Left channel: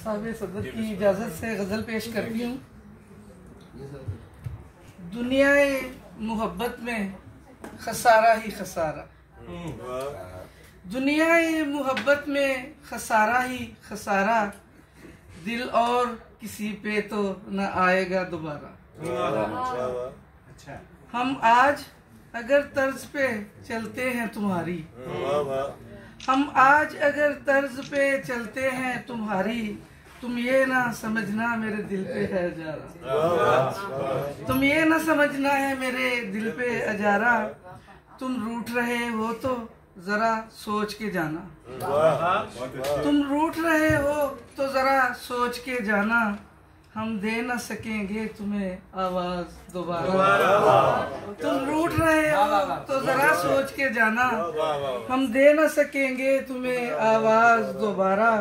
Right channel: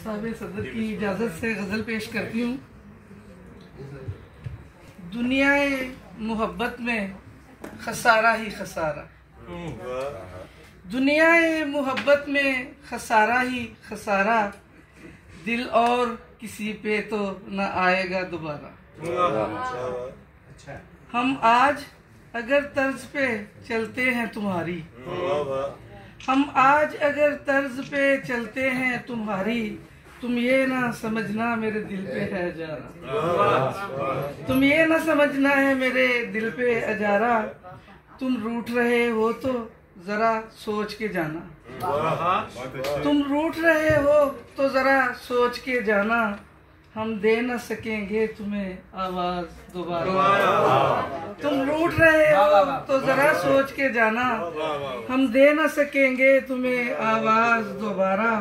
साहिब सदर की इजाज़त से गज़ल पेश करती हूँ। दुनियाए मोहब्बत में खसारा ही खसारा, दुनियाए मोहब्बत में खसारा ही खसारा, दिल और किसी पे तो न आएगा दोबारा। हम आज अगर तर्ज पे चलते हैं तुम्हारी, हम आज अगर तर्ज पे चलते हैं तुम्हारी, तुम ये ना समझना मेरे दिल पे है अजारा, तुम ये ना समझना है मेरे दिल पे अजारा, तुम रूठ रहे हो तो जरा सोच के जाना, तुम रूठ रहे हो तो जरा सोच के जाना, हम दे न सकेंगे तुम्हें आवाज दोबारा, तुम रूठ रहे हो तो जरा सोच के जाना, हम दे न सकेंगे तुम्हें आवाज दोबारा।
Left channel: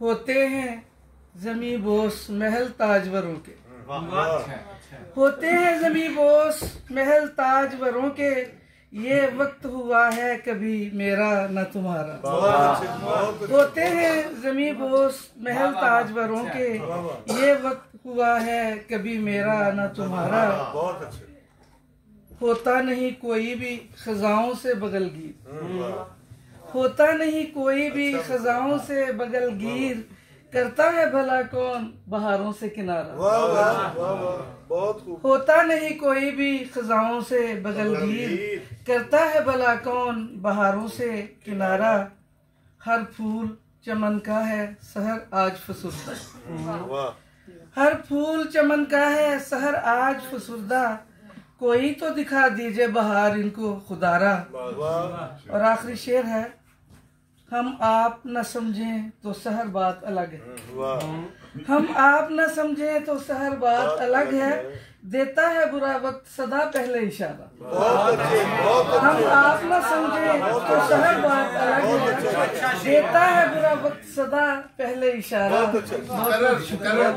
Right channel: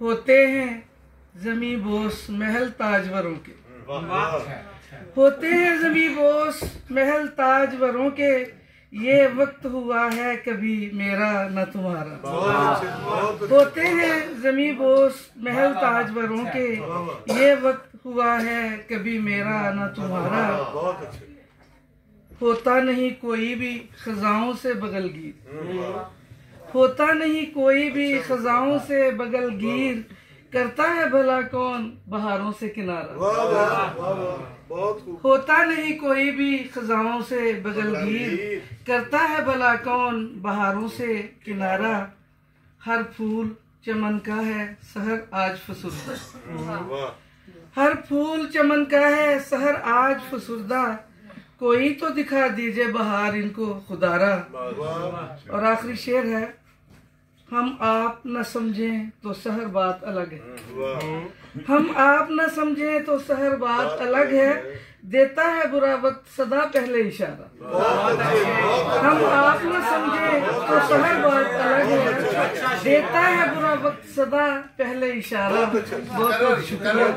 होते हैं जमी बोस महल ताजवरों के, होते हैं जमी बोस महल ताजवरों के, ये वक्त हुआ है कभी मेरा न तुम्हारा। होते हैं जमी बोस महल ताजवरों के, ये वक्त हुआ है कभी मेरा न तुम्हारा। होता नहीं कोई भी खजाओं से बगलगीर, होता नहीं कोई भी खजाओं से बगलगीर, करता है भला कौन बहारों से किनारा। होता नहीं कोई भी खजाओं से बगलगीर, करता है भला कौन बहारों से किनारा। हर फूल चमन का है सहर आज फसुर्दा, हर फूल चमन का है सहर आज फसुर्दा, कोई तो दिखा दीजिए बहार इनको खुदारा। और आखिरी शेर है, हम आप न समझें तो सहर बात अलग है, हम आप न समझें तो सहर बात अलग है, देता है बुरा वक्त सदा पहले इशारा। हम आप न समझें तो सहर बात अलग है, देता है बुरा वक्त सदा पहले इशारा। बहुत बहुत शुक्रिया।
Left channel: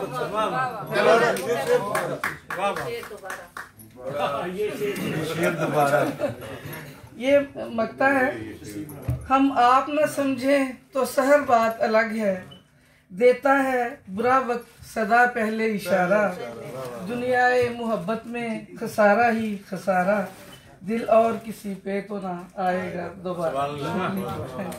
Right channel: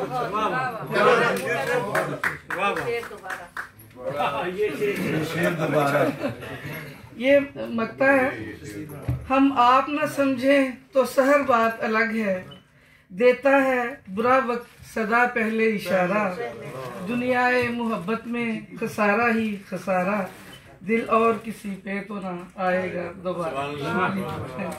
ये मकता है, हम आप न समझें तो सहर बात अलग है, देता है बुरा वक्त सदा पहले इशारा। दुनियाए मोहब्बत में खसारा ही खसारा, दिल और किसी पे तो ना आएगा दोबारा।